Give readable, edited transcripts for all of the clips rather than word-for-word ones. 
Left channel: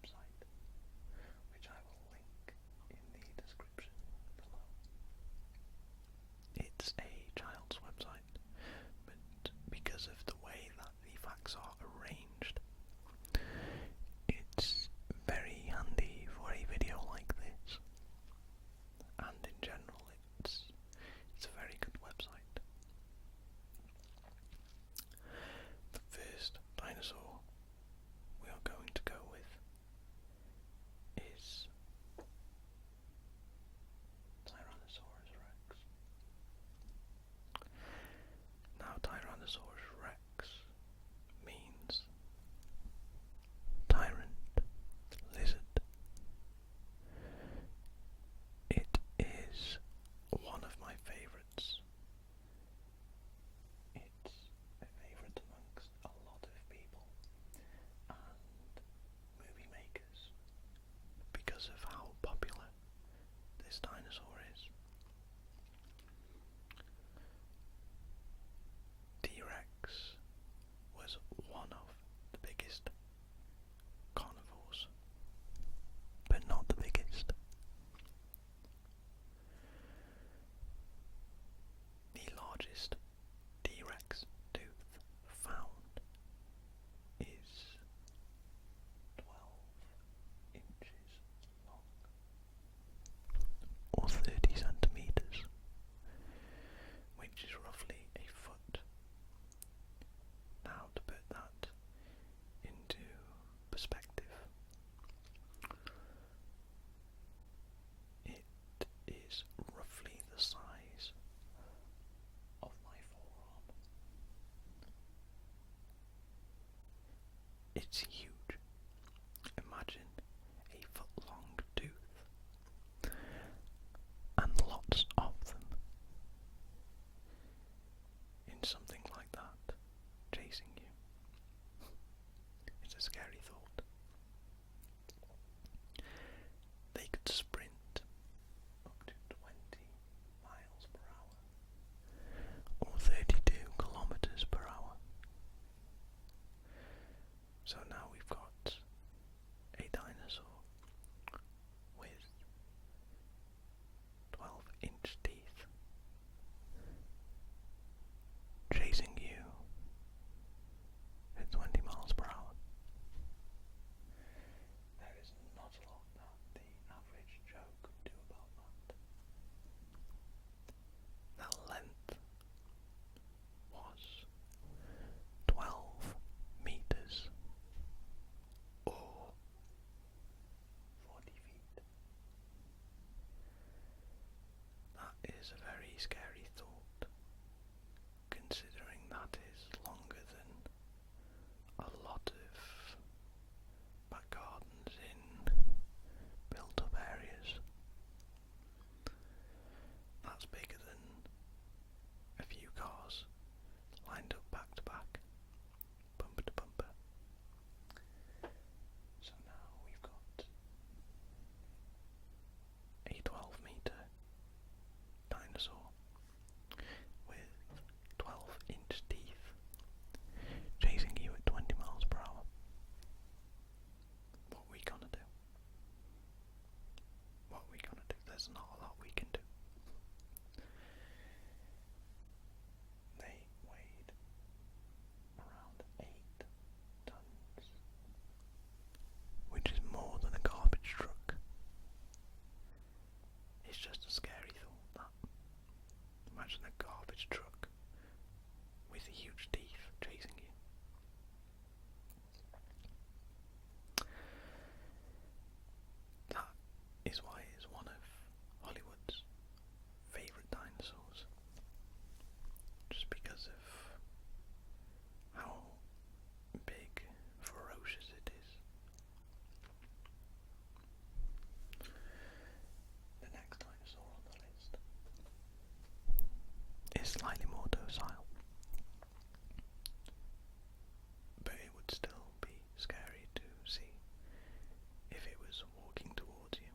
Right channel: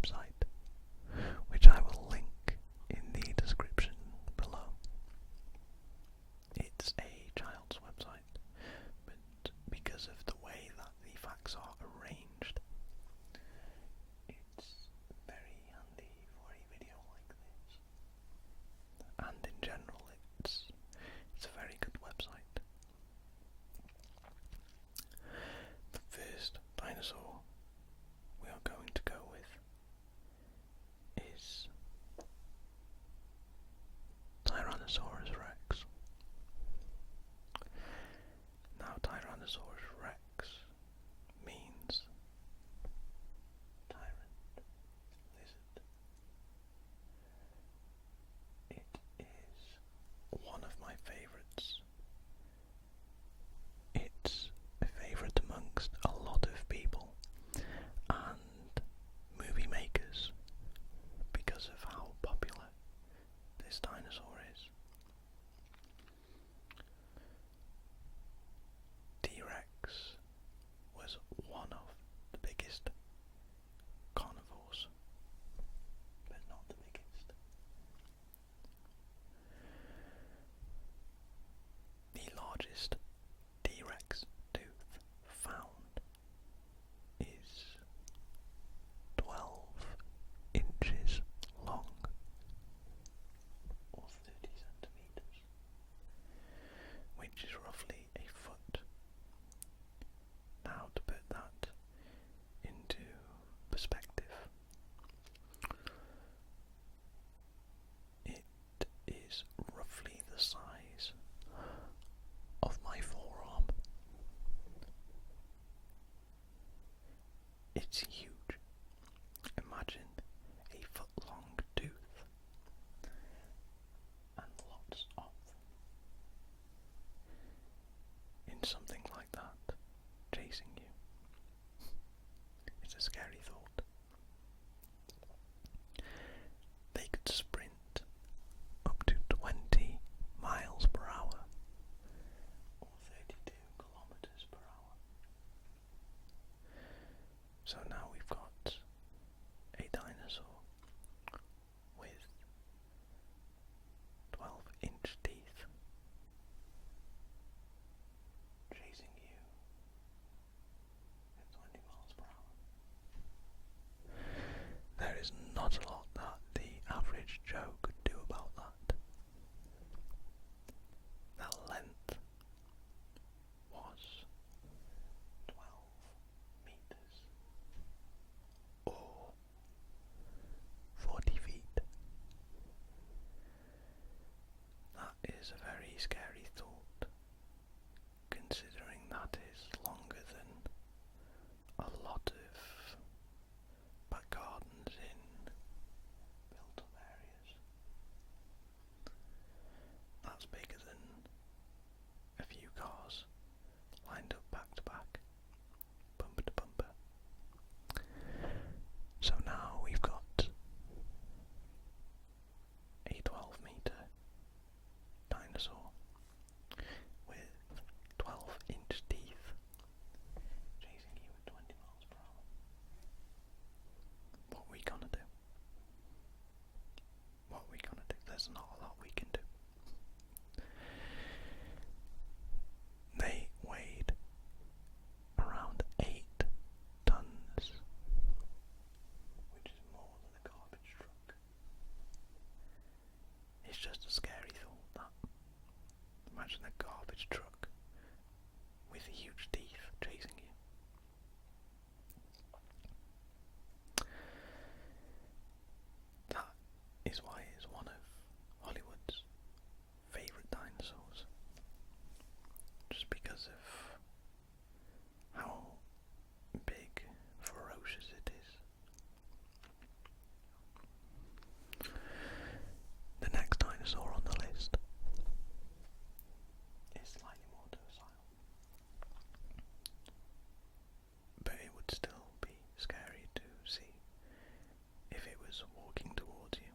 website, which I will link in the description below. It's a child's website, but because of the way that the facts are arranged, it's very handy for a video like this, and in general it's a very good website. The first dinosaur we are going to go with is TyrannosaurusRex. Now, TyrannosaurusRex means tyrant lizard. It is one of my favourites. It's a favourite amongst a lot of people and movie makers because of how popular this dinosaur is. T-Rex was one of the biggest carnivores, but not the biggest. The largest T-Rex tooth found is 12 inches long, or 30 centimeters, which is roughly a foot. Now, to put that into perspective, it is roughly the size of my forearm. It's huge. Imagine a foot-long tooth and lots of them in something like that, chasing you. It's a scary thought. They could sprint up to 20 miles per hour, or 32 kilometers per hour. So now we've got a dinosaur with 12-inch teeth chasing you at 20 miles per hour. There is not a lot that the average Joe could do about that. The length was 12 meters, or 40 feet. That is a very scary thought, considering that is longer than a lot of back gardens in built-up areas. That's bigger than a few cars lined up back to back, bumper to bumper. So now we've got a 12-meter dinosaur with 12-inch teeth chasing you at 20 miles per hour. What are we gonna do? What are we gonna do? There's not a lot we can do. They weighed around 8 tons, which is more than a garbage truck. It's just a scary thought, that. Imagine a garbage truck with huge teeth chasing you. That is why it's one of Hollywood's favourite dinosaurs. Just because of how big, ferocious it is. The next dinosaur on the list is slightly more docile, but it would still be scary to see if it was walking towards you.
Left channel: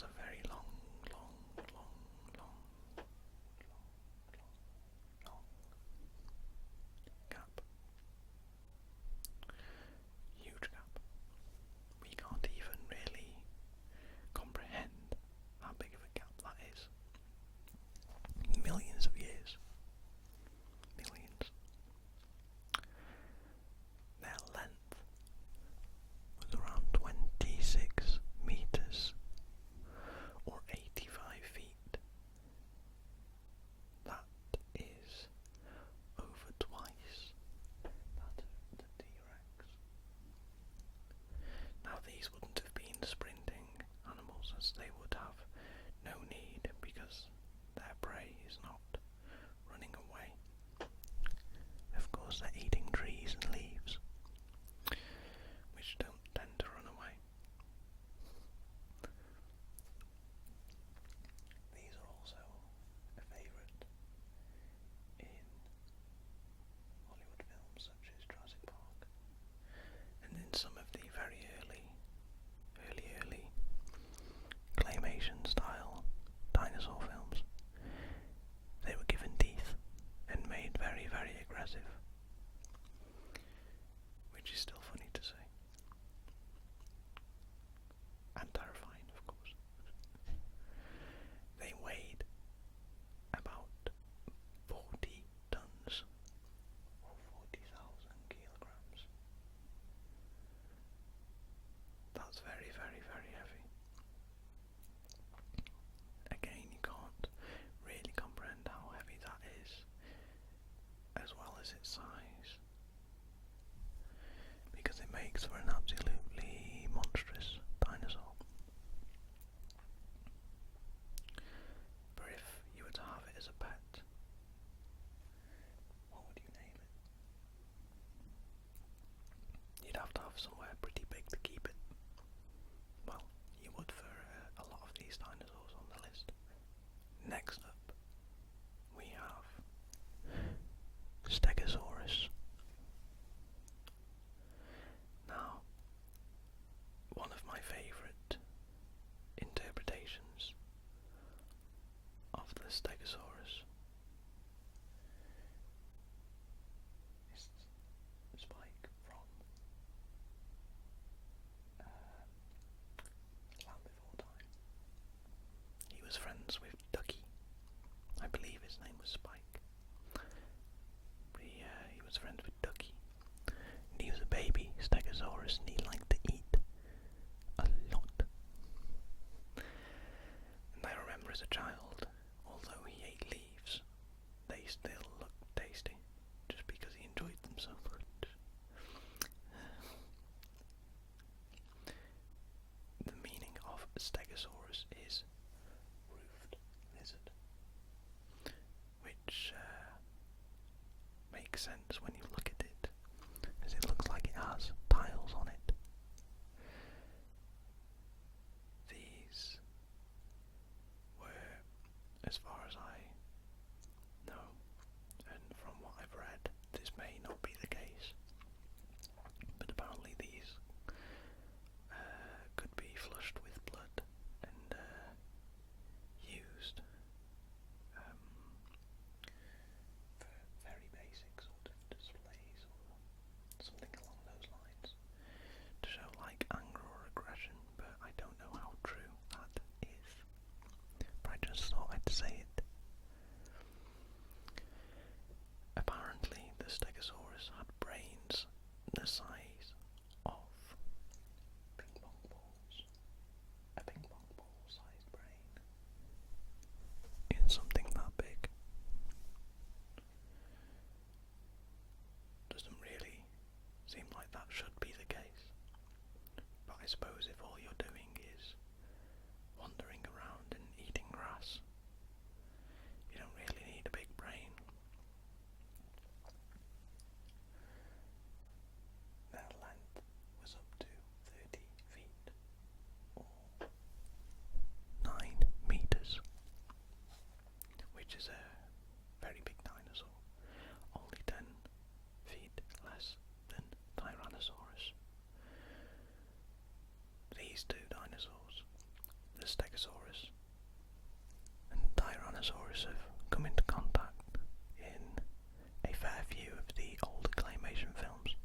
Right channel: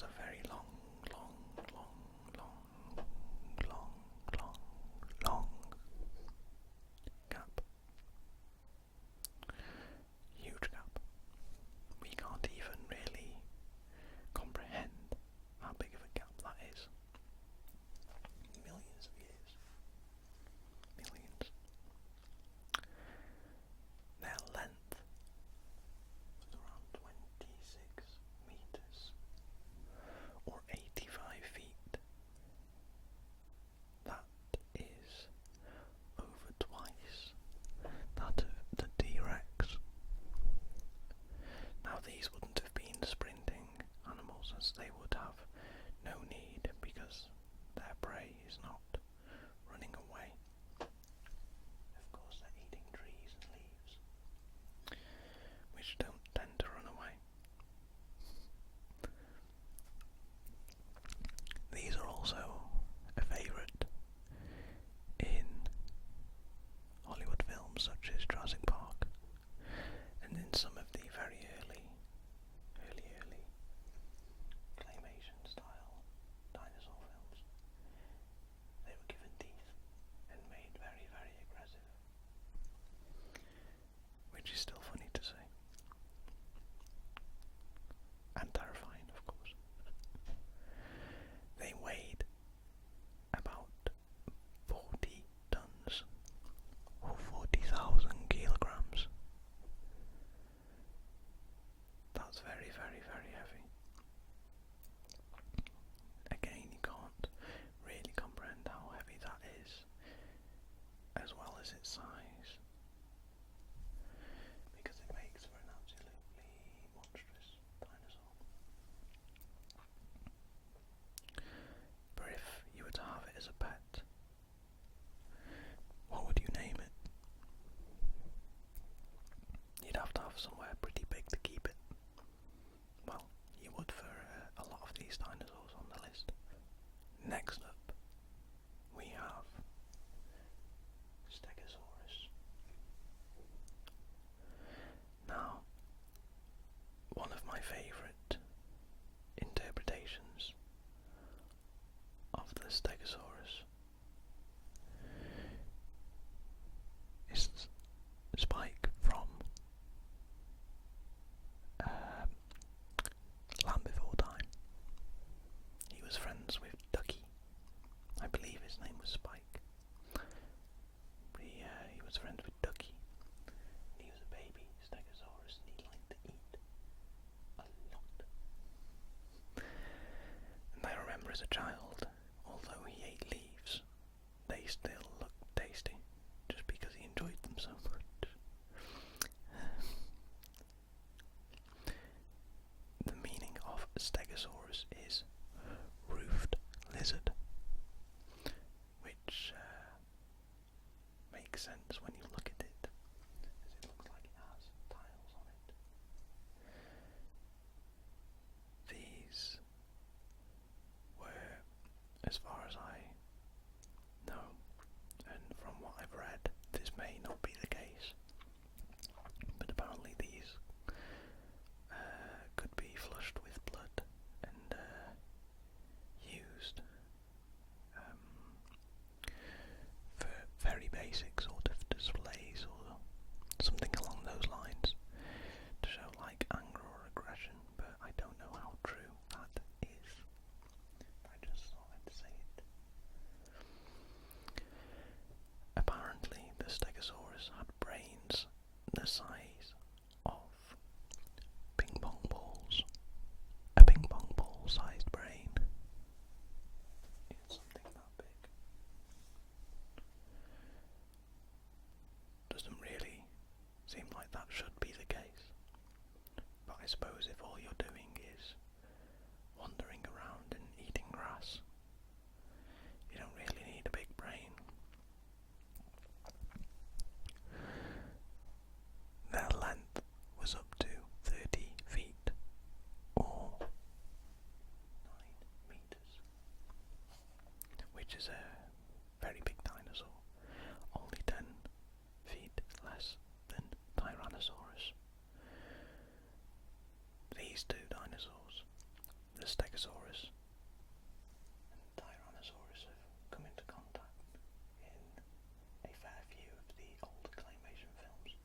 has a very long gap. Huge gap. We can't even really comprehend how big of a gap that is. Millions of years. Millions. Their length was around 26 meters or 85 feet. That is over twice that of the T-Rex. Now these wouldn't have been sprinting animals, as they would have no need because their prey is not running away. Of course they're eating trees and leaves, which don't tend to run away. These are also a favourite in Hollywood films such as Jurassic Park, and in some of the very early claymation style dinosaur films. They were given teeth and made very, very aggressive, which is still funny to say. And terrifying, of course. They weighed about 40 tons or 40,000 kilograms. That's very, very, very heavy. Again, you can't really comprehend how heavy that is, as well as its size, because it makes for an absolutely monstrous dinosaur. But if you were to have it as a pet, what would you name it? You'd have to have somewhere pretty big to keep it. Well, you would for a lot of these dinosaurs on the list. Next up, we have Stegosaurus. Now, one of my favourite interpretations of the Stegosaurus is Spike from Land Before Time. He was friends with Ducky. I believe his name was Spike. He was friends with Ducky. And he was a baby Stegosaurus and he liked to eat a lot. And I remember as a child, although he ate leaves, they still looked tasty, just because he enjoyed them so much. The meaning of Stegosaurus is roofed lizard, which makes sense when you look at it, as it looks like it has tiles on it. These were, as far as I know, and from what I've read, this may not be the case, but apparently these could be flushed with blood and used for very basic sort of displays or something along those lines, to show like anger or aggression, but I don't know how true that is. But I just thought I'd say it. Apparently the Stegosaurus had brains the size of ping pong balls. A ping pong ball sized brain. It's something that big. Doesn't really seem like that should be the case. But I suppose if all you're doing is wandering around and eating grass, you don't really need a big brain. Their length was up to 30 feet or 9 meters, which is a very big dinosaur, only 10 feet less than Tyrannosaurus. the Stegosaurus and Tyrannosaurus have come into contact in a fair few of the older claymation films.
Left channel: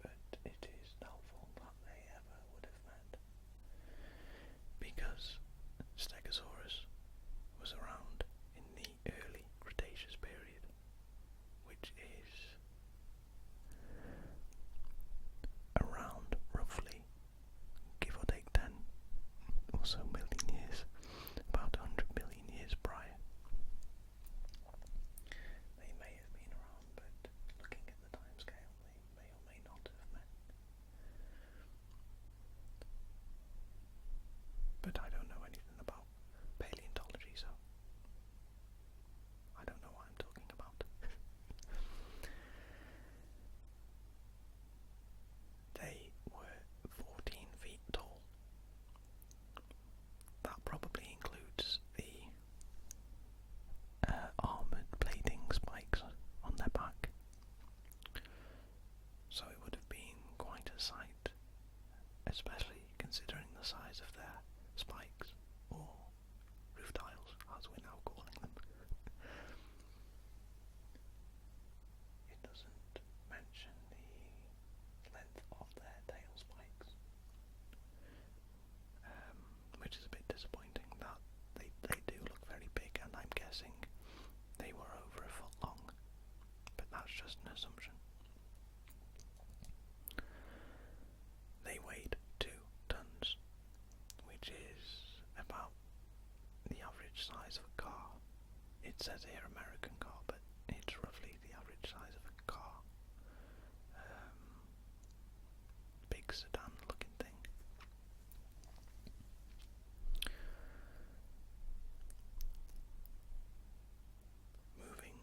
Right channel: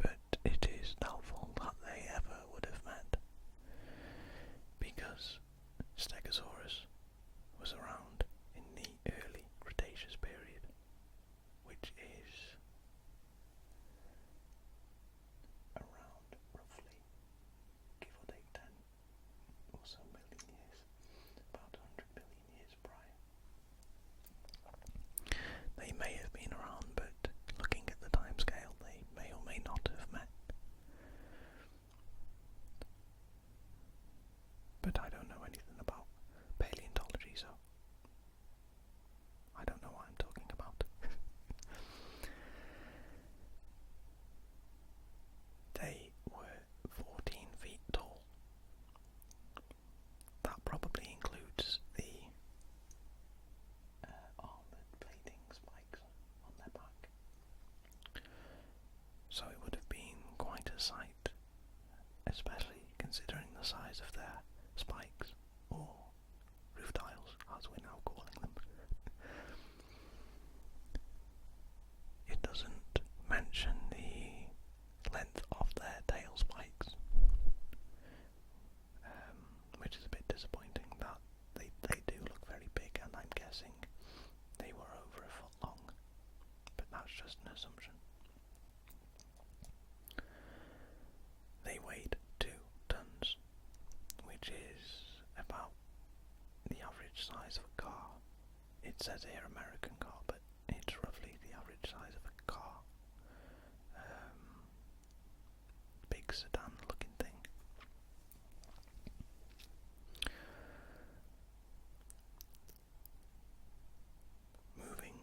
But it is doubtful that they ever would have met, because Stegosaurus was around in the early Cretaceous period, which is around roughly, give or take 10 or so million years, about 100 million years prior. They may have been around, but looking at the timescale, they may or may not have met. But I don't know anything about paleontology, so I don't know what I'm talking about. They were 14 feet tall. That probably includes the armoured plating spikes on their back. So it would have been quite a sight, especially considering the size of their spikes, or roof tiles as we're now calling them. It doesn't mention the length of their tail spikes, which is a bit disappointing. That they do look very big, and I'm guessing they were over a foot long, but that's just an assumption. They weighed 2 tons, which is about the average size of a car. It says here American car, but it's roughly the average size of a car. Big sedan looking thing. Moving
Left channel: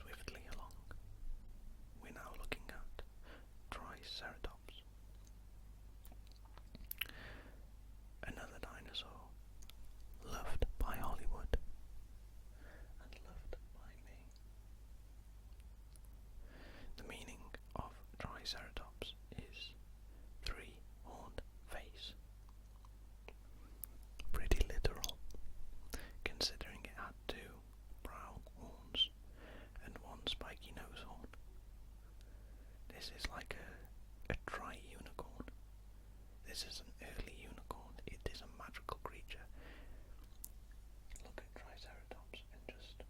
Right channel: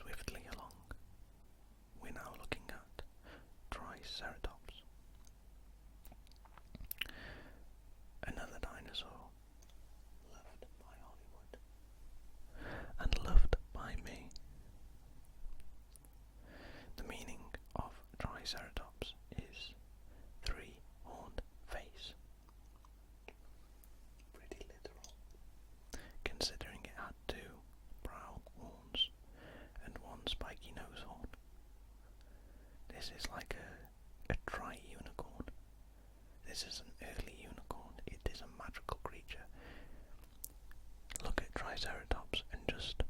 swiftly along, we're now looking at Triceratops. Another dinosaur loved by Hollywood and loved by me. The meaning of Triceratops is 3-horned face. Pretty literal, considering it had 2 brown horns and 1 spiky nose horn. This is like a tri-unicorn. This is an early unicorn. It is a magical creature. Look at Triceratops and just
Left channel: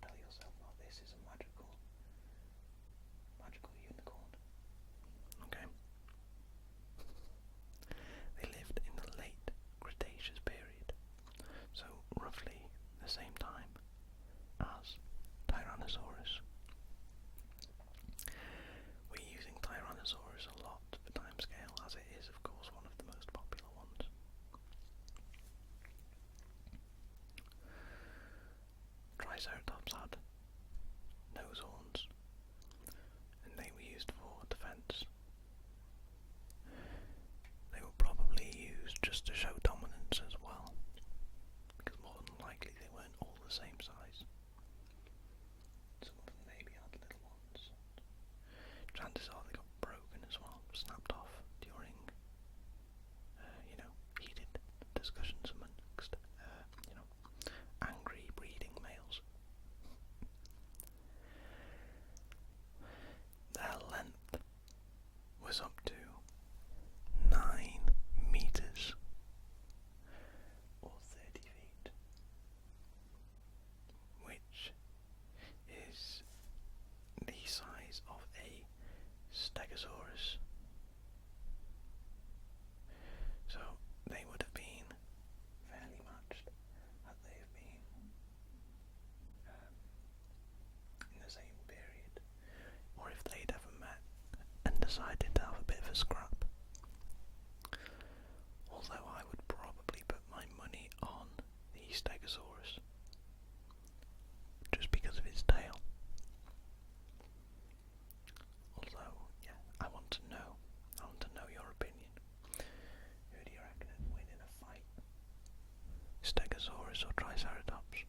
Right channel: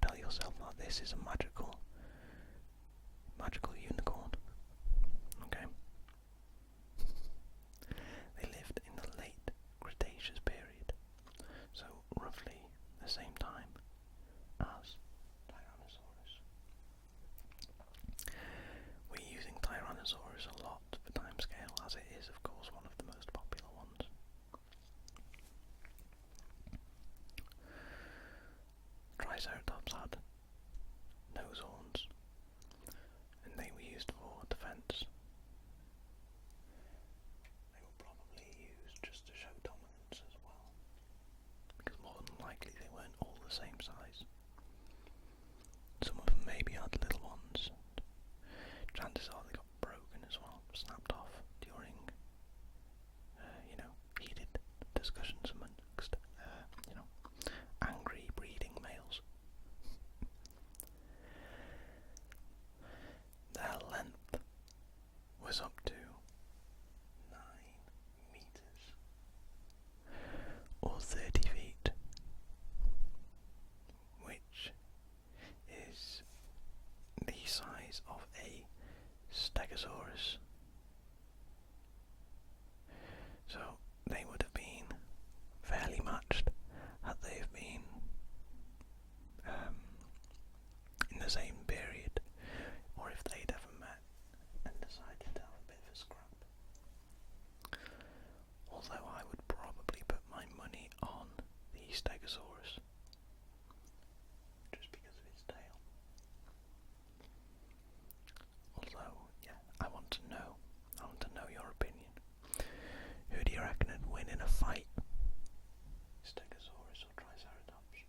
tell yourself that this is a magical unicorn. Okay? They lived in the late Cretaceous period, so roughly the same time as Tyrannosaurus. We're using Tyrannosaurus a lot for timescale, as it is, of course, one of the most popular ones. Triceratops had nose horns, and they were used for defense. They were probably used just to show dominance as well, because more than likely they weren't all the same size. Some of them maybe had little ones. Chances are they got broken as well, snapped off during, heated discussions amongst, angry breeding males. Their length was up to 9 meters, or 30 feet, which is the size of a Stegosaurus. So they would have been fairly matched had they have been in the same period, or if they'd ever met and decided to have a bit of a scrap. Although I would probably put my money on the Stegosaurus, just because of its tail. Although, yeah, I want to know your opinion. Who do you reckon would win in a fight? Stegosaurus or Triceratops?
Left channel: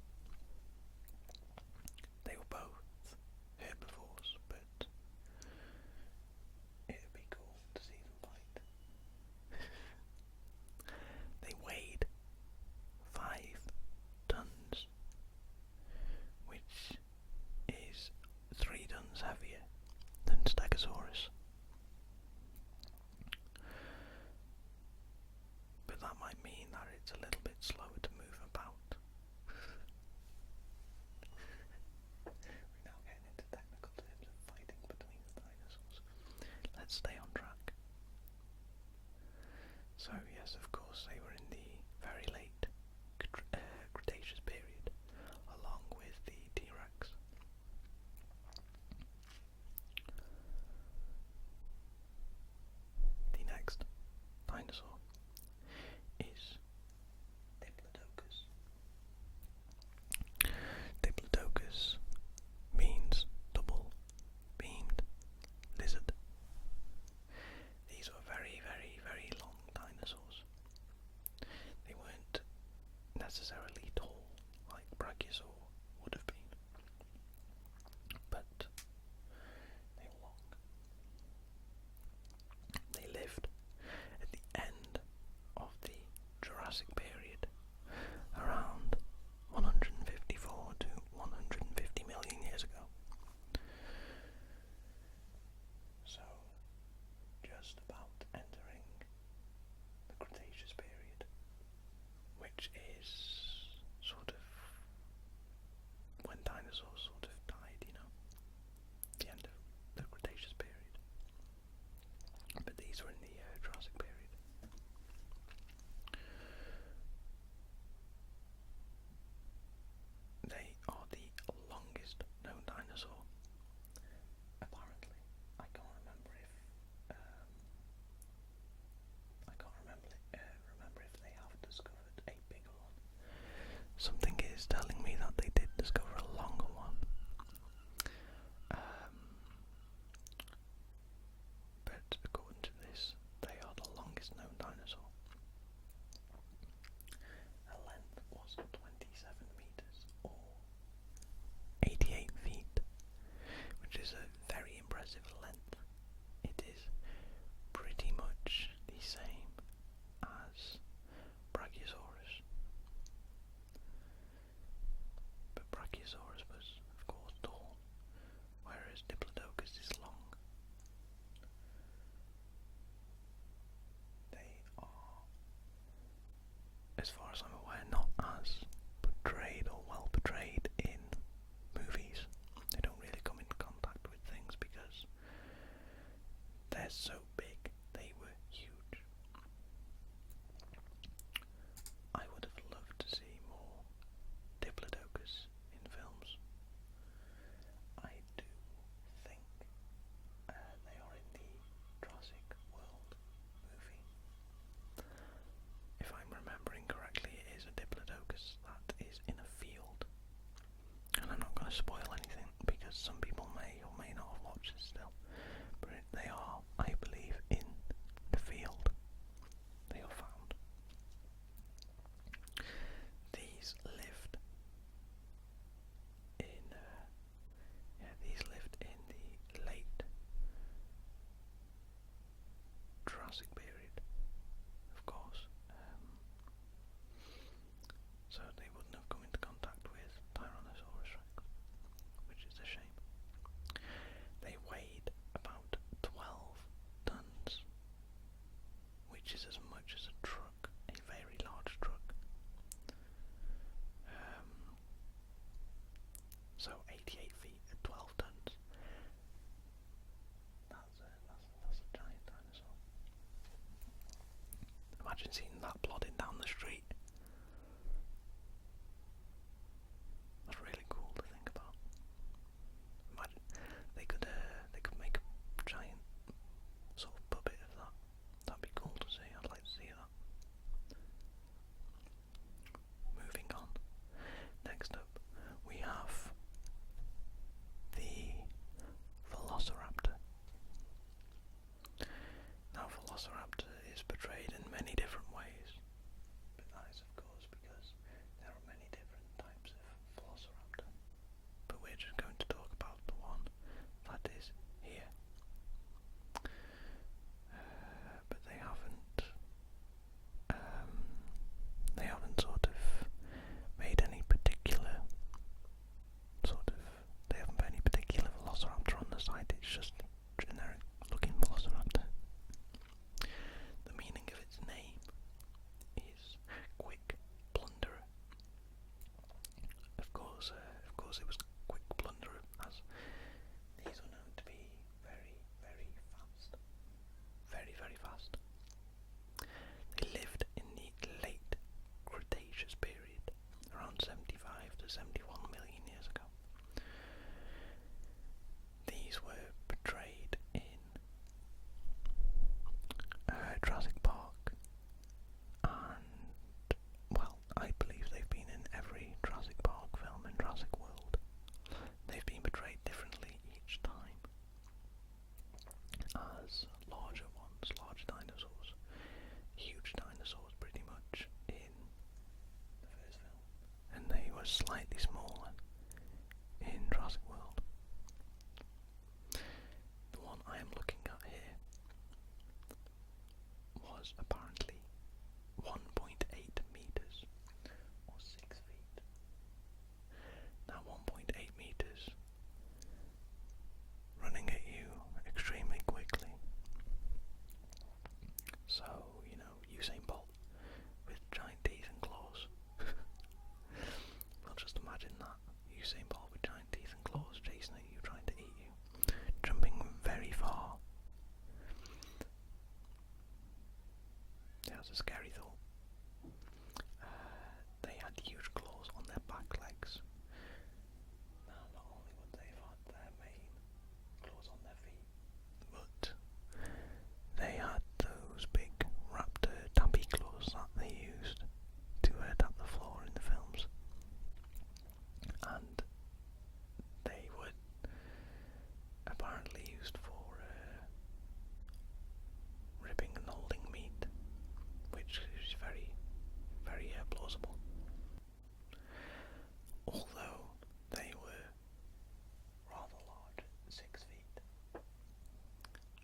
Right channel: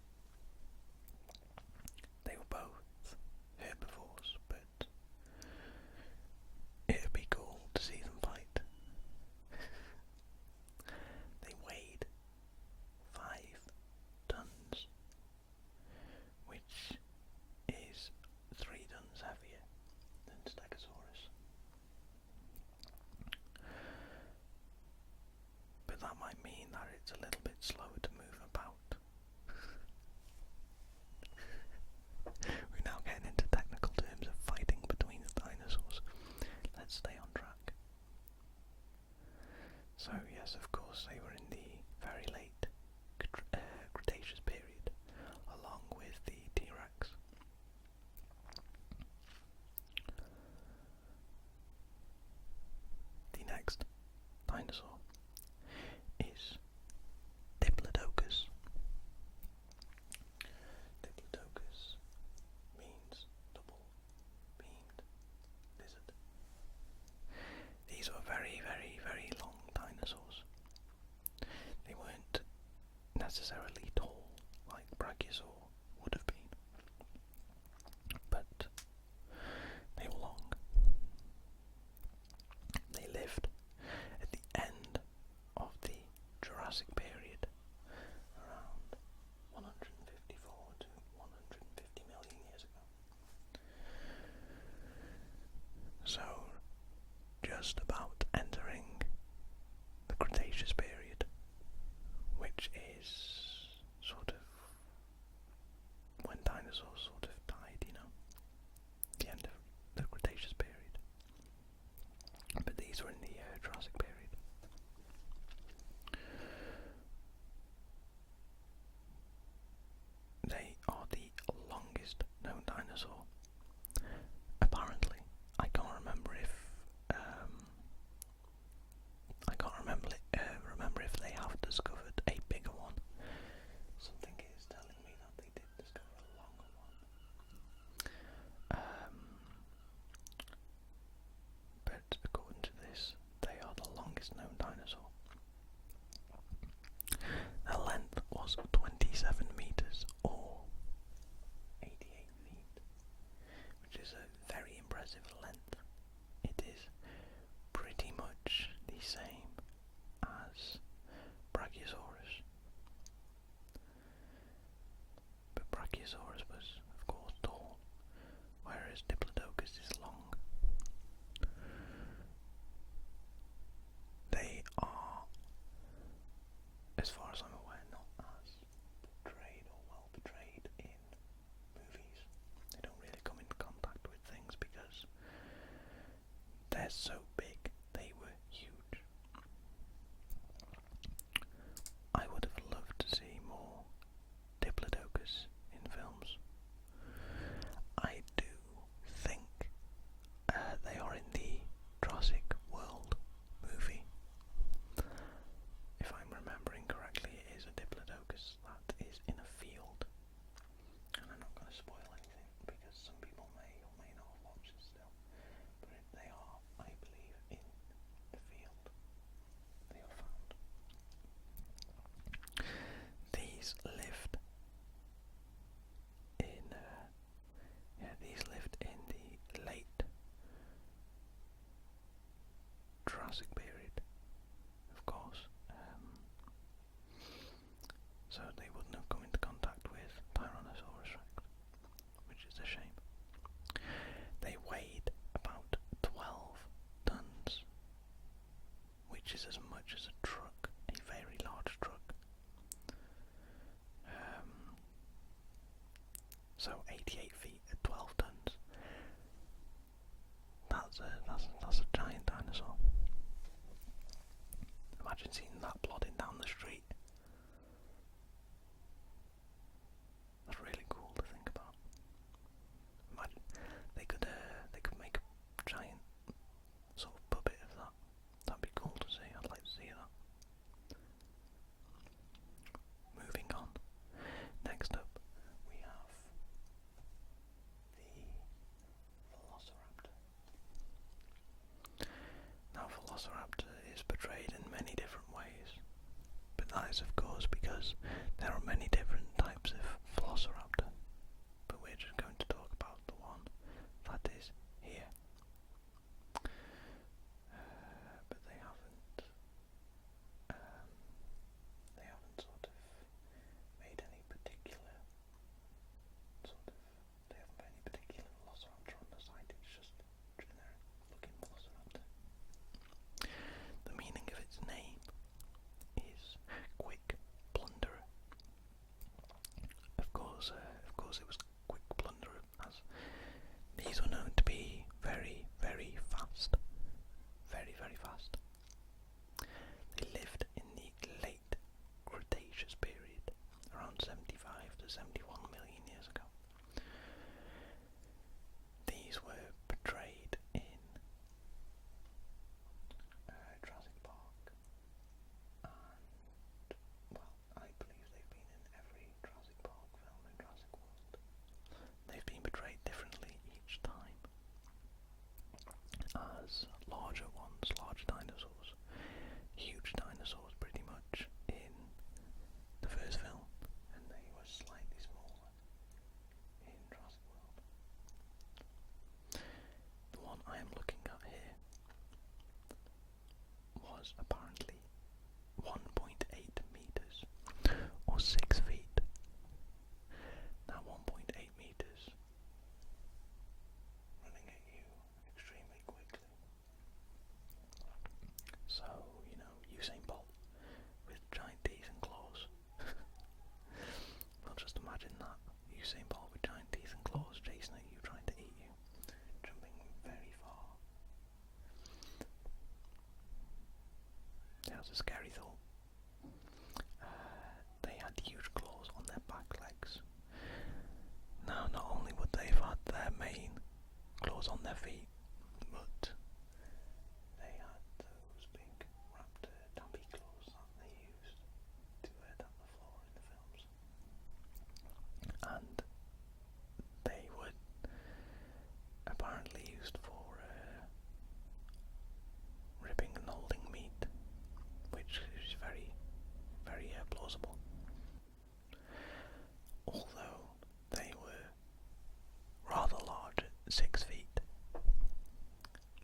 They were both herbivores, but it'd be cool to see might mean that it's a little bit slower to move about. We're now getting into technical terms of fighting between the dinosaurs. Let's stay on track. So yes, of course, they were in the very late Cretaceous period, along with the T-Rex. The next dinosaur is Diplodocus. Diplodocus means double-beamed lizard. These were very, very, very long dinosaurs. They weren't necessarily tall like Brachiosaur would have been, but they were long. They lived at the end of the Jurassic period, around 154 to 150 million years ago. So, just about entering the Cretaceous period, which is sort of when dinosaurs sort of died, you know, the end of the Cretaceous period. But these were in the Jurassic period. They are the longest known dinosaur. Apparently, I can't remember if they have discovered a bigger one. Something is telling me that they did discover a longer one. But according to this, they are the longest known dinosaur. Their length was 27 meters or 88 feet, which is a very impressive length. It is pretty much the same as Brachiosaurus. But Brachiosaurus was, of course, tall, whereas Diplodocus is long. They are, as far as I'm aware, not as portrayed or well portrayed in movies. They don't really come into contact with things because they're so big. They were huge. I would have loved to see more Diplodocus in films. I do think they are in the Jurassic World movie. If I'm remembering correctly, it is a Diplodocus that is in a field. And I'm not going to spoil anything because some people may or may not have watched it still. But they are, I believe, in the field. They are found. These lived in the late Jurassic period, of course. So they wouldn't have come into contact with TyrannosaurusRex, which is a shame. They weighed about 12 tons, which is as much as a truck, a very large truck. So 88 feet at 12 tons. That's a giant dinosaur. Imagine seeing that plodding down the street. That's really cool to think about. Imagine they could make a giant sort of puppet of that. That'd be cool to see. I'd like to see that. Moving on. Next up, we have the Velociraptor. Now, Velociraptor is portrayed in many different ways, but that is, of course, because there are many different types of Velociraptor. But we're just going to talk about the one that is here. But they haven't sort of made any particular they haven't put any particular Velociraptor on the site. It's just generic looking Velociraptor. The meaning of its name is as a scary thought. They had huge claws on their back legs. Now, not only would they have had their main claws on their feet, but they had those big raptor tappy claws that they used to tap the floor in the films. And they were apparently used for ripping and holding meat, which is very, very plausible. Although they were rather large at 6 feet,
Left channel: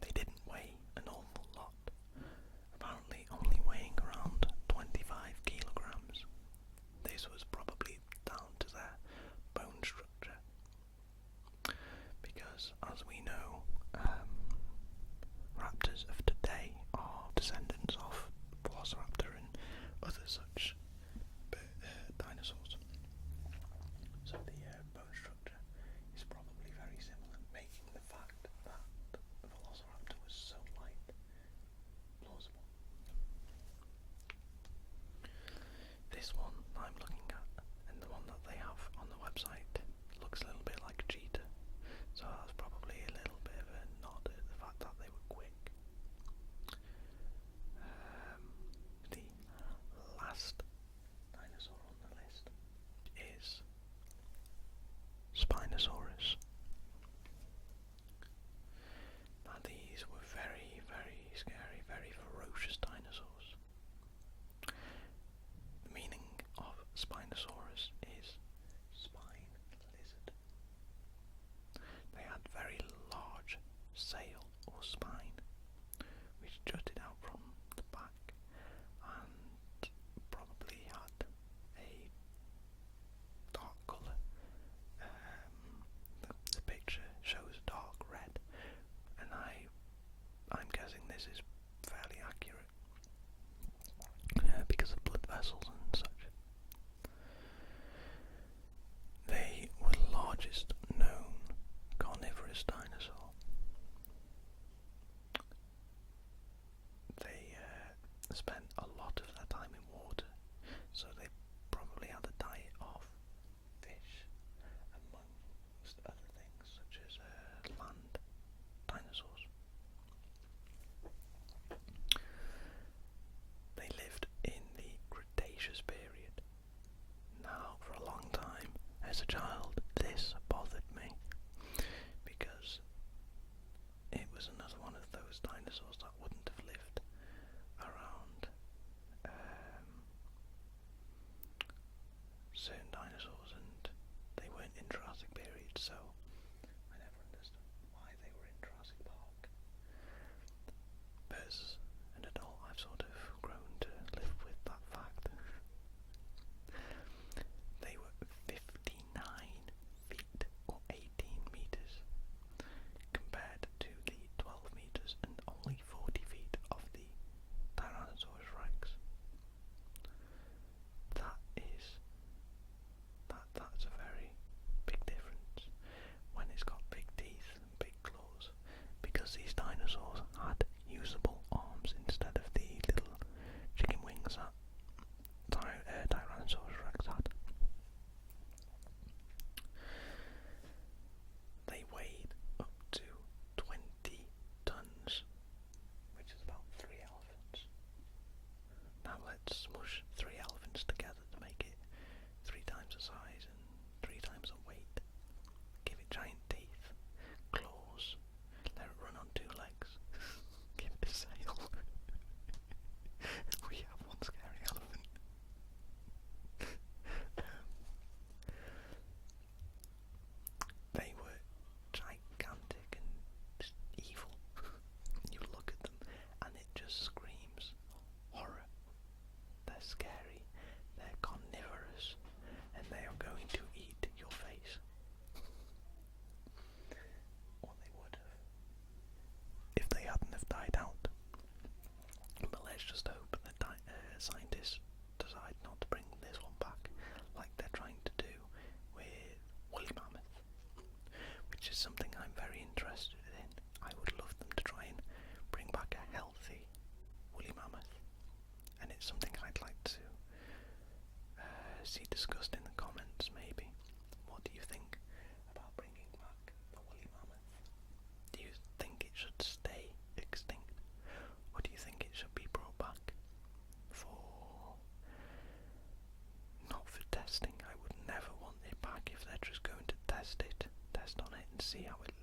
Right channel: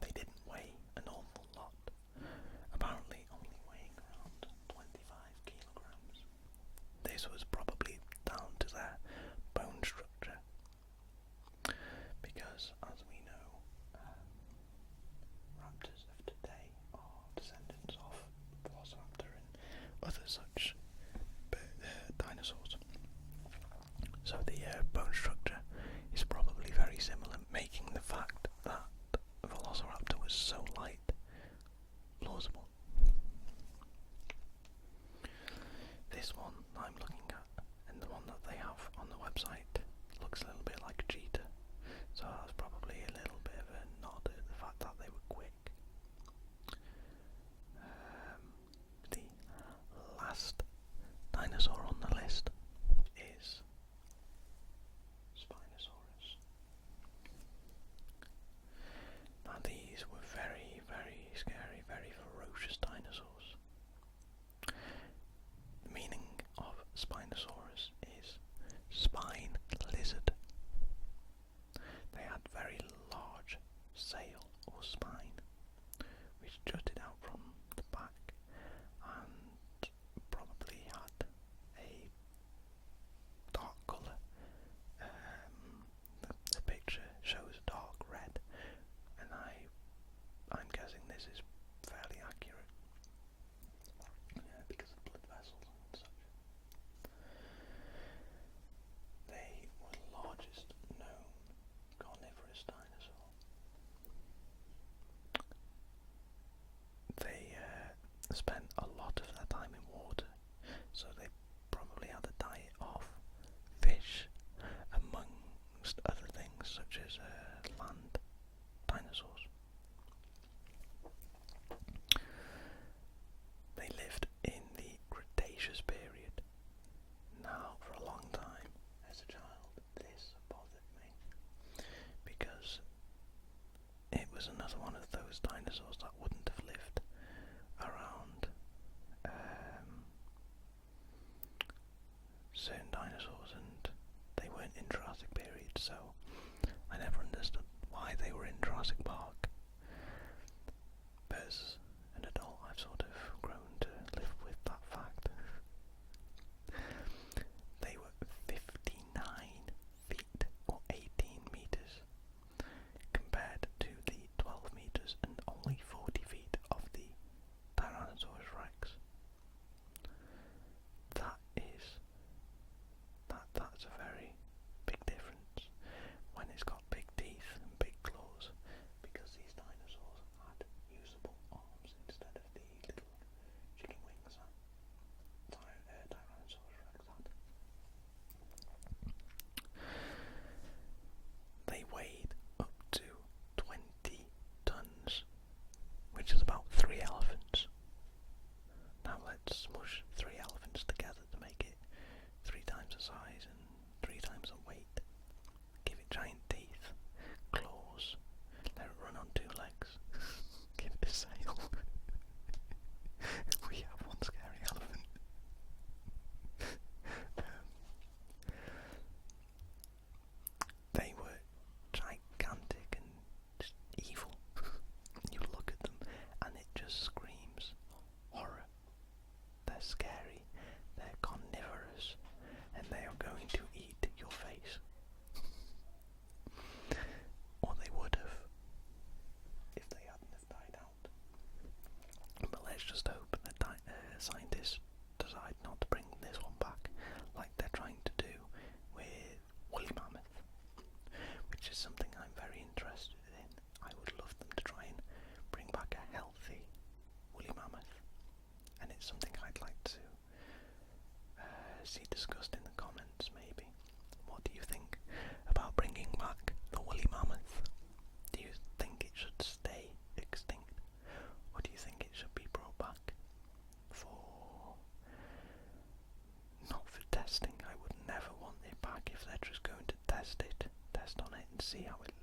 they didn't weigh an awful lot, apparently only weighing around 25 kilograms. This was probably down to their bone structure, because as we know, raptors of today are descendants of Velociraptor and other such dinosaurs. So the bone structure is probably very similar, making the fact that Velociraptor was so light plausible. This one I'm looking at, and the one that they have on the website, looks a little bit like a cheetah, so that's probably a little bit of a nod at the fact that they were quick. The last dinosaur on the list is Spinosaurus. Now these were very, very scary, very ferocious dinosaurs. The meaning of Spinosaurus is spine lizard. They had very large sail or spine, which jutted out from the back and probably had a dark colour. The picture shows dark red, and I'm guessing this is fairly accurate because of blood vessels and such. They were the largest known carnivorous dinosaur. They spent a lot of their time in water, so they probably had a diet of fish, amongst other things such as land dinosaurs. They lived in the Cretaceous period. Now, for a long time, as a child, this bothered me, because it was another one of those dinosaurs that wouldn't have lived around certain dinosaurs, and they weren't in Jurassic period, so I never understood why they were in Jurassic Park. But as an adult, I've sort of grown to live with that fact. They were 59 feet or 18 meters, compared to the 12 meters and only 40 feet of the Tyrannosaurus Rex. That's a very big difference when it's got big teeth and big claws, because see discussed in the comments maybe. What do you think about bringing back the woolly mammoth? Do you think it should stay extinct? Or do you think it should be brought back for... not for testing? I would never want it back if they're just going to test on it and see how it